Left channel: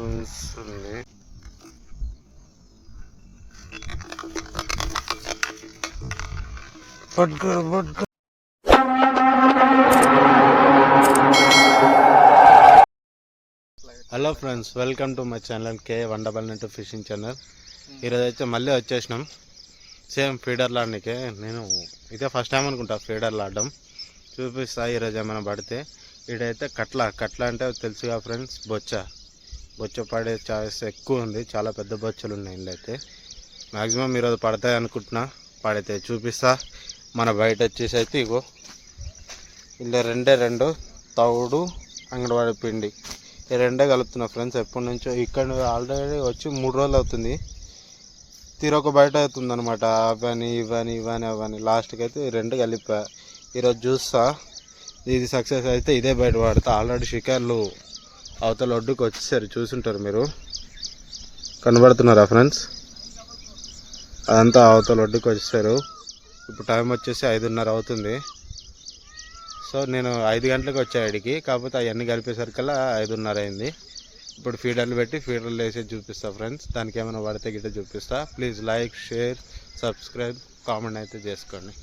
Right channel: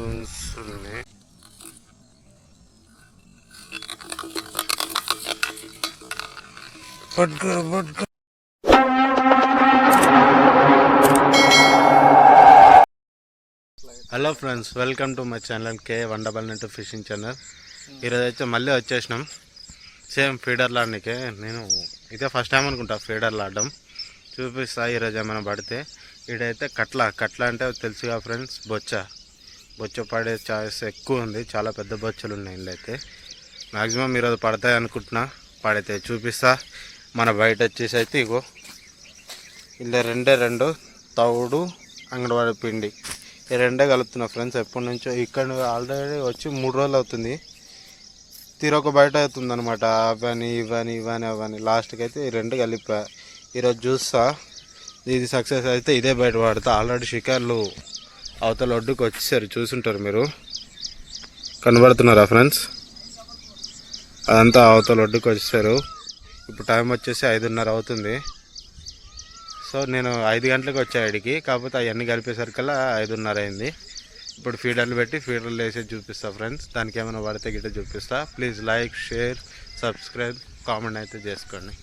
ఉంది. Hello friends, welcome to my channel K wonderful net fishing channel. ఈరోజు అయితే మళ్ళీ వచ్చేసినాం సేమ్ ఫీడర్లు ఆడనికే. నేను ఇదే ఫస్ట్ టైం అనుకుంటా ఫీడర్లు ఆడడం. చూపిస్తా ఈరోజు ఏమైనా పడితే. ఈడైతే కట్ల అంటే తెలుసుగా ఫ్రెండ్స్, బొచ్చ పడే ఛాయిస్ ఎక్కువ ఉంది. చాలా పెద్ద బొచ్చలు ఉన్నాయి ఇందులో అయితే. మ్యాక్సిమం ఈరోజు పడతాయి అనుకుంటున్నా. పడితే చూపిస్తా. మన బయట వచ్చేసి అయితే ఇగో ఇలా రెండు తవుడు అంగన్వాడి పిండి ఈ రెండే కలుపుతున్నా ఫ్రెండ్స్. ఎప్పటి నుంచో ఇక్కడ ఆల్రెడీ వచ్చి 3 రోజులు అవుతుంది. తీరొక బయట అవుతుంది అనమాట. అవని లాస్ట్కి అయితే ఈ రెండు కలిపా. ఈరోజు చూస్తా ఇది సక్సెస్ అయితే ఇదే బయట పడతా. ఆల్రెడీ షికార్లు అవతల ఒడ్డుకు వచ్చేసారు, చూసుంటారు మీరు. కనబడుతున్నారా ఫ్రెండ్స్? అదంతా అవతల ఒడ్డుకు వచ్చేసారు. ఇప్పుడు టైం వచ్చేసి 5:30 అవుతుంది. సో నేను 5 గంటలకు వచ్చా ఇడికి. కాకపోతే అవన్నీ కలిపేసరికల్లా 5:30 అయింది. ఇప్పుడు ఫీడర్లు పెట్టి ఫీడర్లు వేసి చూపిస్తా ఫ్రెండ్స్. దానికి ఏమైనా పడితే గిట్ట చూపిస్తా. Please like, share, subscribe, comment అయితే చేసుకోండి.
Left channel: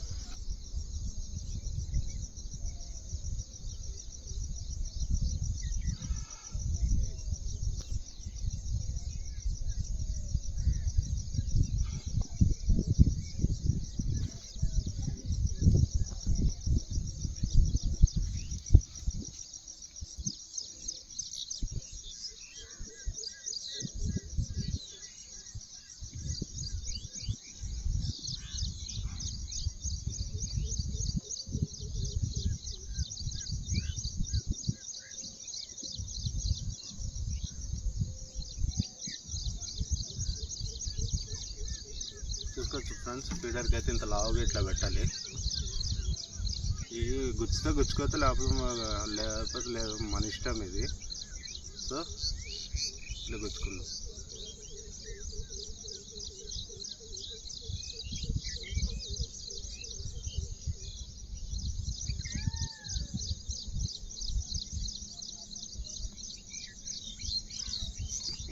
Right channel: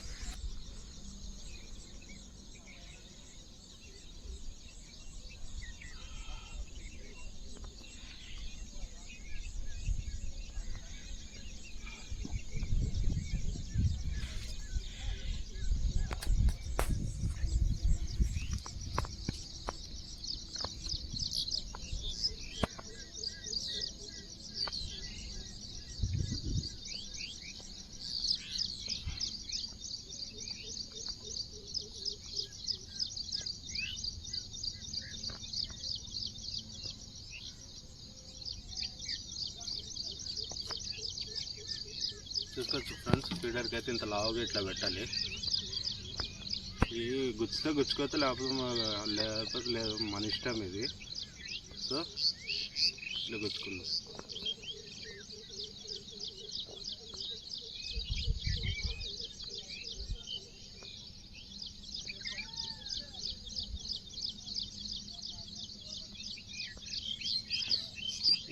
చూసుకోవచ్చు ఫ్రెండ్స్, ఫీడర్కి అయితే ఇంత లావుగా ఇట్లా పెట్టాలి. ఇవి గుచ్చుకోతే లేకపోతే లేదు, మన ఇష్టం ఇది. సో ఇట్లా గుచ్చుకుందాం.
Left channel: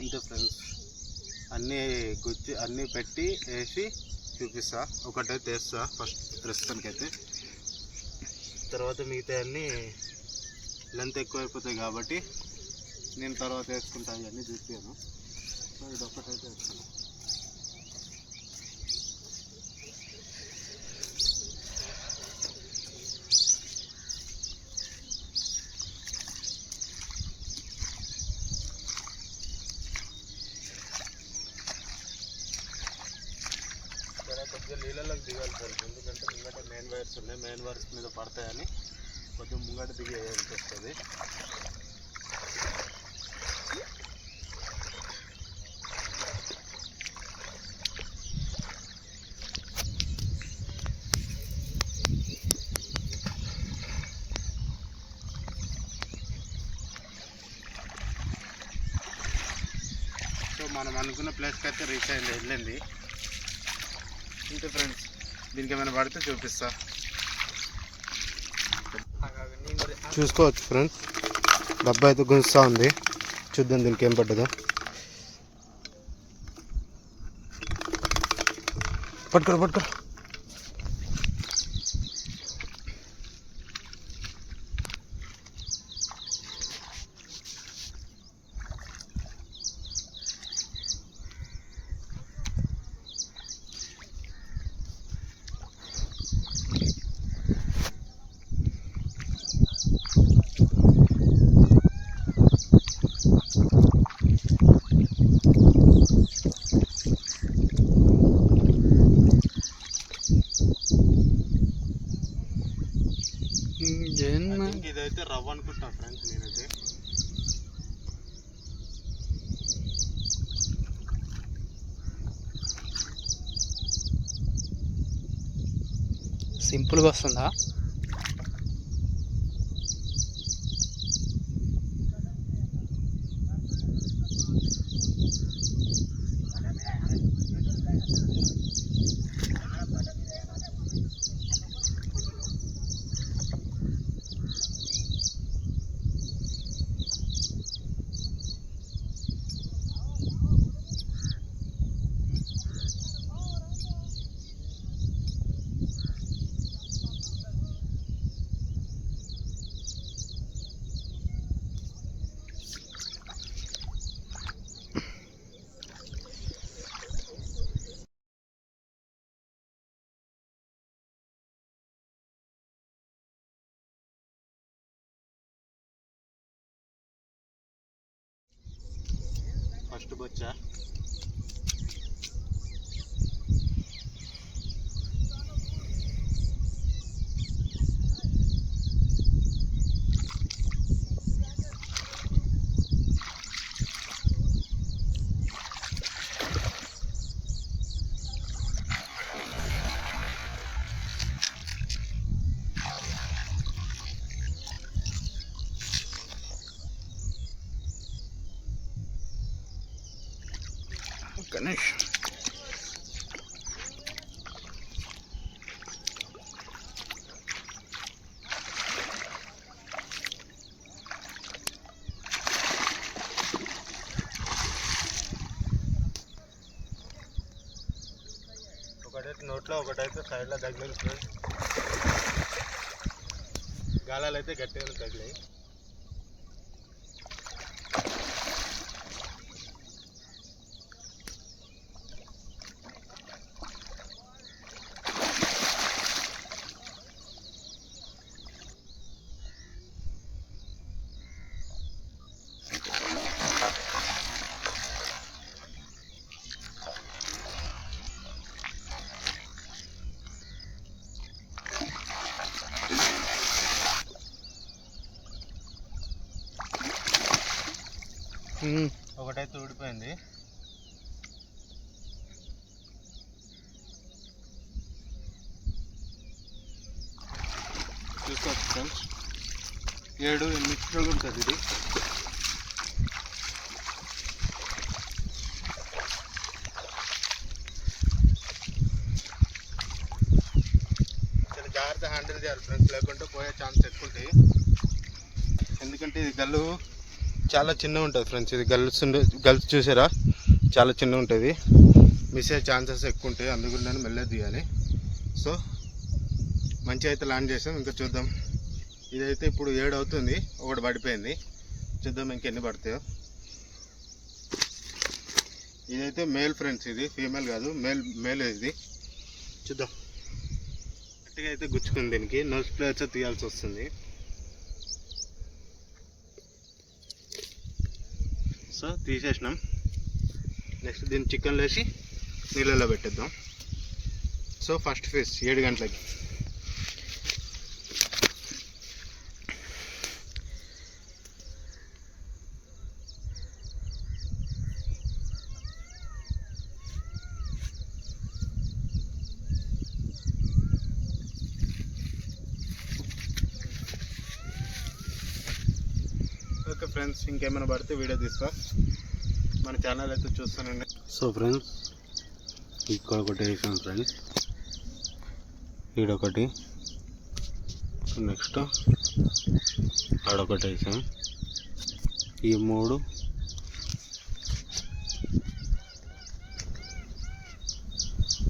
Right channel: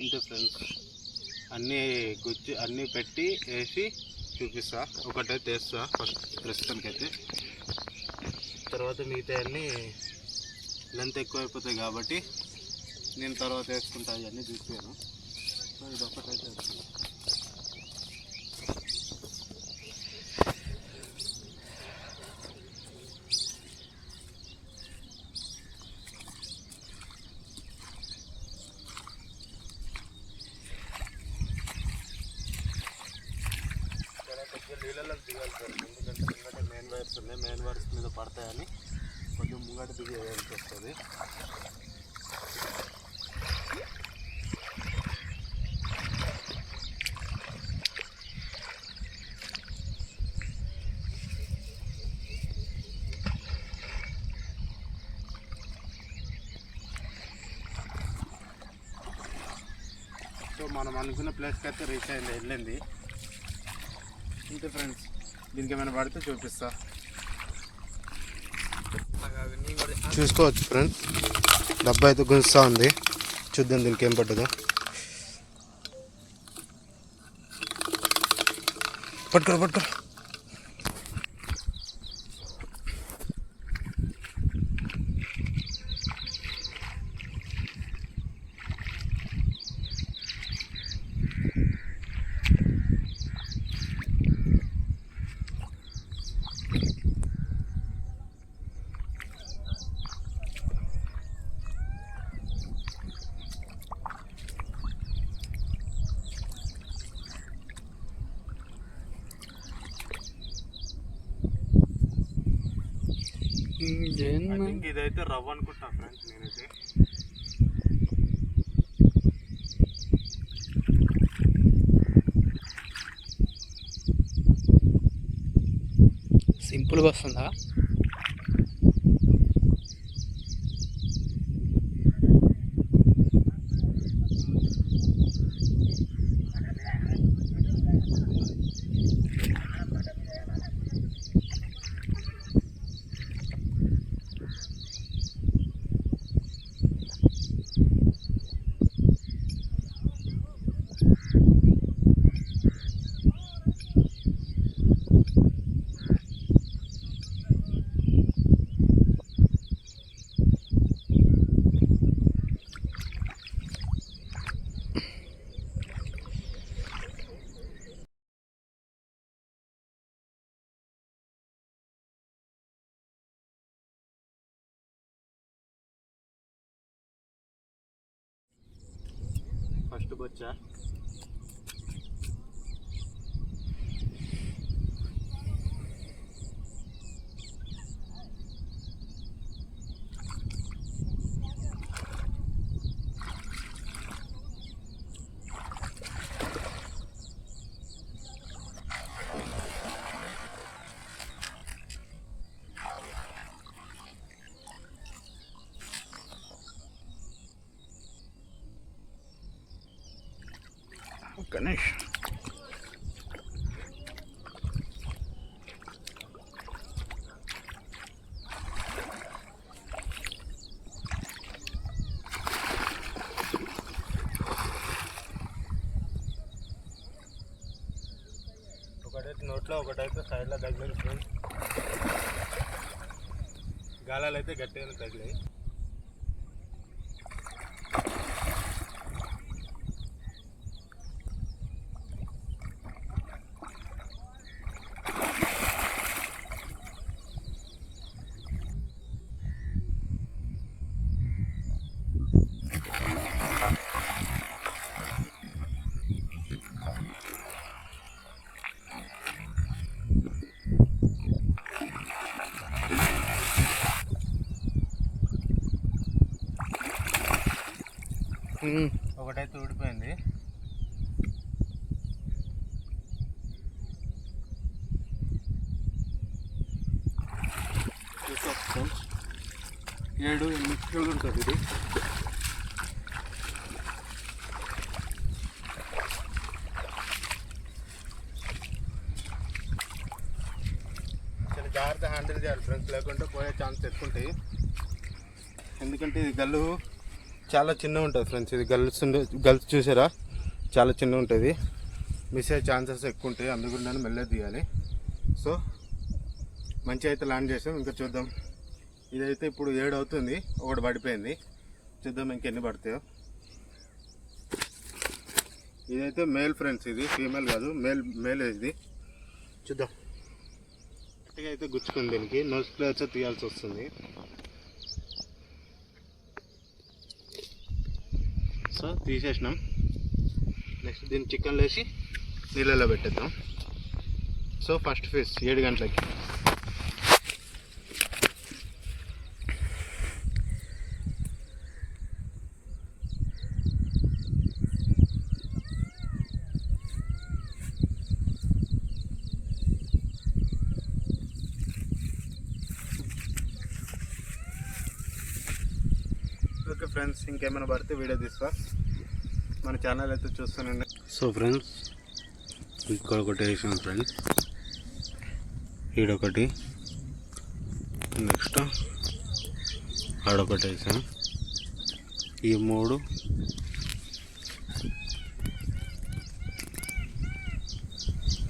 ఇంతే ఫ్రెండ్స్, అన్నీ పెట్టి వేసి చూపిస్తా. ఒకటైతే వేస్తా ఫస్ట్ ప్రస్తుతానికైతే. తర్వాత మిగతా అన్నీ లెంత్ ఎక్కువ అయిపోతాయి కాబట్టి నేను తర్వాత వేసుకుంటా. ఇవన్నీ చూసాను. సో ఇది ఒకటైతే వేస్తాను. కొద్దిగా నీళ్ళలోకి దిగాలి సార్, ఎందుకంటే ముంగట మెయిన్ వైర్స్ ఉన్నాయి. మెయిన్ వైర్స్ మీద పడతాయని కొద్దిగా ముంగట దిగి వేయాల్సి వస్తుంది. సో మనం అనుకున్న ప్లేస్కి అయితే రీచ్ వెళ్ళింది. ఇంతే ఫ్రెండ్స్, దీనికి ఏమైనా పడితే చూపిస్తా. చూసుకోవచ్చు ఫ్రెండ్స్, డబ్బా అయితే గుంజుతూ ఉంది. చూద్దాం దీనికి ఏం పడ్డదో. పట్టుకో. ఇదైతే రవ్వ అనుకుంటా ఫ్రెండ్స్ నేనైతే. సింపుల్గా వస్తుందా? బొచ్చా. గణేష్ ఒకటైతే నోట్లో ఒకటైతే సైడ్లో తగిలింది ఫ్రెండ్స్. గాలాలు అయితే గట్టిగా తగిలాయి. ఒకటైతే ఊడిపోయింది. చూసుకోవచ్చు 7-8 కిలోలు ఉంటుంది ఇది. చాలా జాగ్రత్త హ్యాండిల్ చేయాలి ఫ్రెండ్స్, లేకుంటే పోయే ఛాన్స్ ఎక్కువ ఉంటాయి. ఎందుకంటే ఇది గల్లు చాలా చిన్నగా ఉంటుంది ఫ్రెండ్స్. ఇది గల్స్ చూసారా, చాలా చిన్నగా ఉంటుంది. మిస్ అయ్యే ఛాన్సెస్ ఎక్కువ ఉంటాయి. అందుకు నేను మెల్లగా తీయాలి. సో మంచిగా అయితే ల్యాండ్ చేసాం. ఇంకా చూద్దాం. ఇదైతే ఇప్పుడు 7 అవుతుంది, ఒకటి పడిపోయింది. చూద్దాం ఇంకెన్ని పడతాయో. ఇదైతే మేల్ ఫ్రెండ్స్, ఇది ఫీమేల్ కాదు, మేల్ ఇది. చూద్దాం. గట్టిగా అయితే గుచ్చుకుంది. దీనికి నోస్ ప్లేట్స్ తీయాల్సి వస్తుంది. సో తీసేసినాం. నెక్స్ట్ దీన్ని చికెన్ వేసి నీళ్ళలో పెట్టేద్దాం. సో ఫస్ట్ ఫిష్ 7 గంటలకి. ఓకే ఫ్రెండ్స్, ఇంకేమైనా పడితే వీడియో తీస్తా. మన ఛానల్ అయితే చూస్తానండి. సో ఫ్రెండ్స్, ఇక్కడ ఒకటి వేసాం ఫ్రెండ్స్, ఈడొకటి, నెక్స్ట్ ఆడొకటి వేసాం. ఈ 3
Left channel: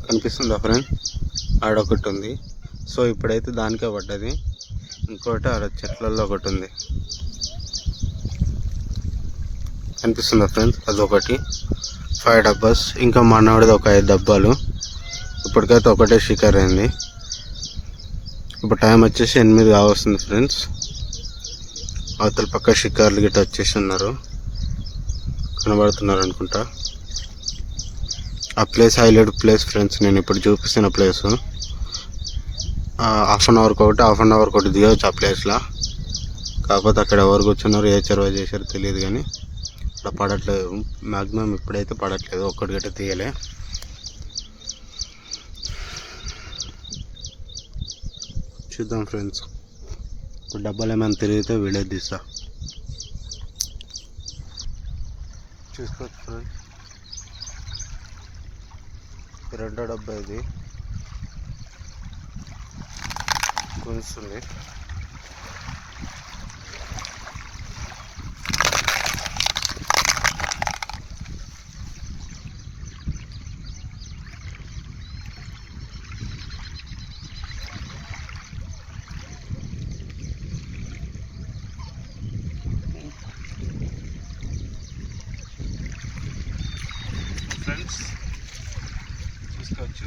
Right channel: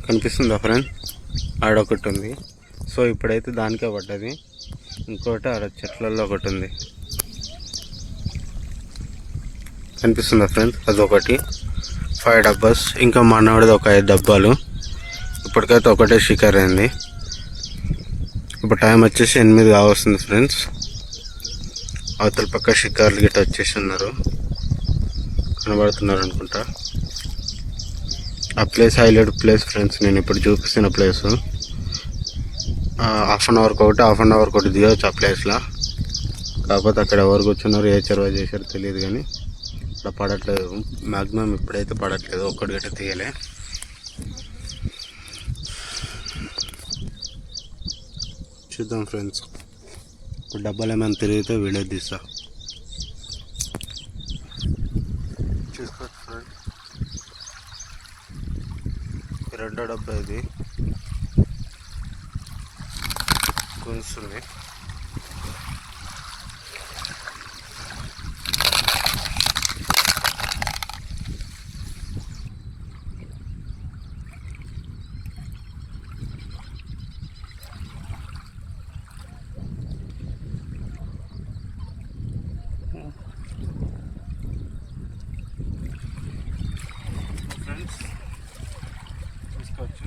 కనిపిస్తుందా ఫ్రెండ్స్? ఆడొకటి ఉంది. సో ఇప్పుడైతే దానికే పడ్డది. ఇంకోటి ఆడ చెట్లలో ఒకటి ఉంది, కనిపిస్తుందా ఫ్రెండ్స్? అదొకటి. 5 డబ్బాస్. ఇంకా మనవాడిది ఒక 5 డబ్బాలు. ఇప్పటికైతే ఒకటే షికార్ అయింది. ఇప్పుడు టైం వచ్చేసి 8 కావస్తుంది ఫ్రెండ్స్. అవతల పక్క షికార్లు గిట్ట వచ్చేసి ఉన్నారు, కనబడుతున్నారు అనుకుంటా. ఆ ప్లేస్ హైలైట్ ప్లేస్ ఫ్రెండ్స్. నేను ఇప్పుడు చూపిస్తున్న ప్లేసు. హాఫ్ అన్ అవర్కి ఒకటి దిగవచ్చు ఆ ప్లేస్లో. కాకపోతే అక్కడ ఎవరు కూర్చున్నారు, ఏ చెరువు చేశారో తెలియదు. కానీ అక్కడ పడట్లేదు మ్యాక్సిమం. ఇప్పుడైతే పడట్లేదు, ఒక్కటి గట్ట తీయలే. చూద్దాం ఫ్రెండ్స్. ఇప్పుడు డబ్బాలు ఏమైనా తిరిగితే వీడియో తీస్తా. చూసుకోవచ్చు ఫ్రెండ్స్, 2వ డబ్బా ఇది గుంస్తుంది. ఫ్రెండ్స్ చూసుకోవచ్చు.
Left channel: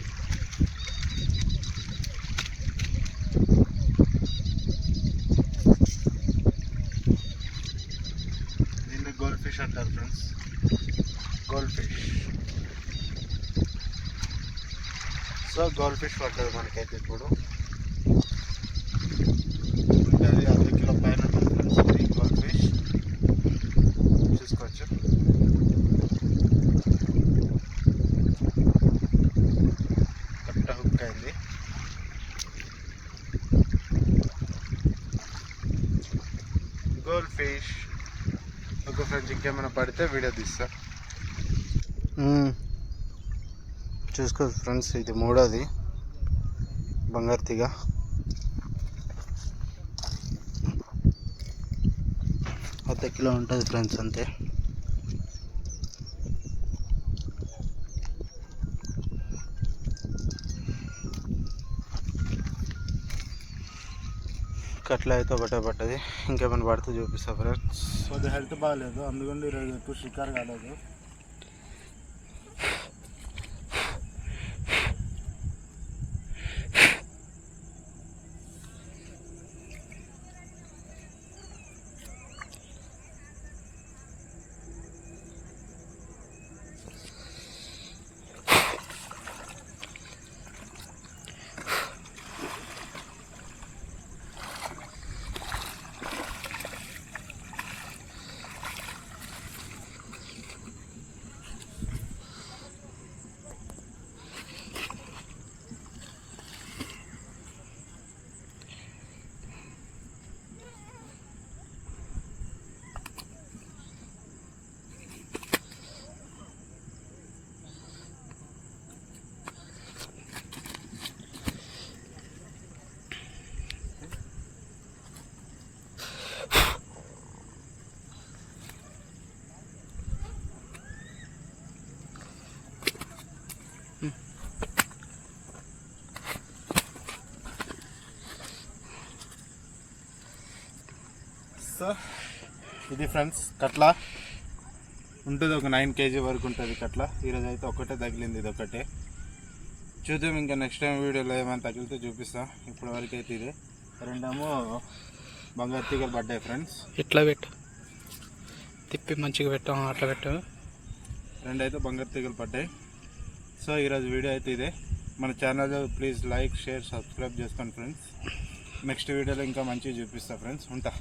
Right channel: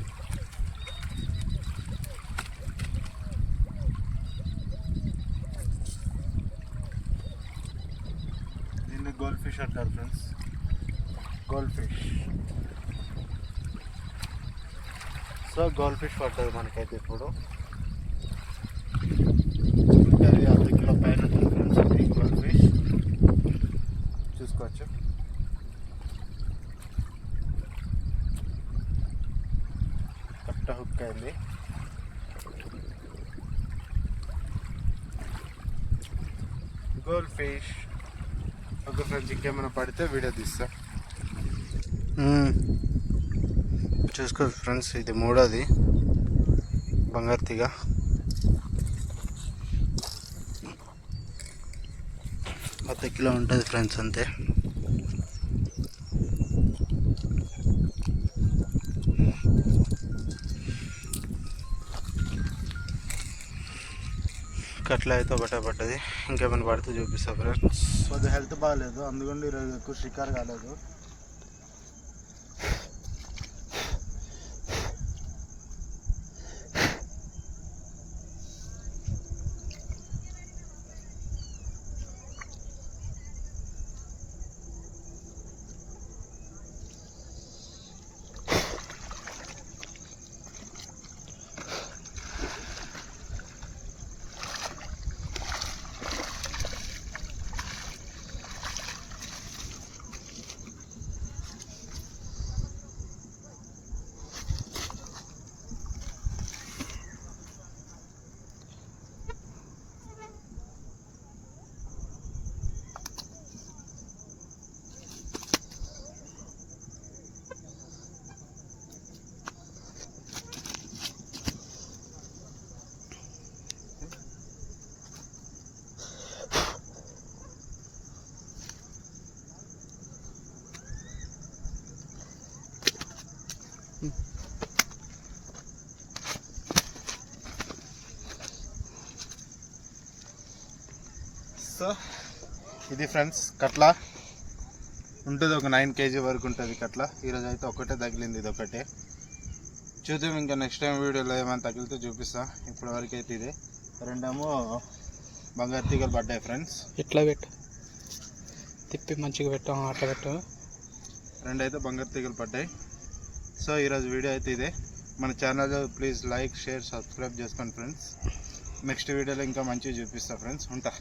దీన్ని గోల్డ్ ఫిష్ అంటారు friends. Gold fish. So gold fish పడుతుంది మనకైతే ఇప్పుడు. అది 1/2 కిలో పైన ఉంటుంది ఫ్రెండ్స్. ఇది గోల్డ్ ఫిష్ చూసుకోవచ్చు. కట్ట హుక్ అయింది. Gold fish. ఓకే ఫ్రెండ్స్, ఇంకేమైనా పడితే వీడియో తీస్తా. చూసుకోవచ్చు ఫ్రెండ్స్, ఇది 3వది బంగారు తీగ. అర్ధ కిలో ఉంటుంది ఫ్రెండ్స్, అంతే. కట్ల అయితే ఒకటే పట్టది. ఇంకేమైనా పడితే చూపిస్తా ఫ్రెండ్స్. కొద్దిగా హెల్త్ బాగాలేదు, అందుకని ఈరోజు ఎక్కువ షికారు కాలేదు. సో ఇది ఫ్రెండ్స్ కట్ల ఉంటుంది. ఒక 9 kg వరకు ఉంటుంది కట్ల. ఈరోజు అయితే ఒకటే తగిలింది, ఇది ఒకటే. చూద్దాం ఇంకా నెక్స్ట్ టైం వీడియోలో ఏమైనా తగిలితే చూపిస్తా. ఇప్పటి వరకు అయితే ఇదే. 2 బంగారు తీగలు పడ్డాయి ఫ్రెండ్స్. ఇట్లా పెట్టు, తిప్పి మంచిగా పెట్టాం, అట్లా పెట్టు. 2 అయితే బంగారు తీగలు పడ్డాయి. సో ఈరోజు వీడియో అయితే ఇదే. మన channel please like, share, subscribe చేసుకోండి ఫ్రెండ్స్. నెక్స్ట్ వీడియోలో ఇంకా మంచిగా చూపిస్తా ఫ్రెండ్స్. ఉంటా.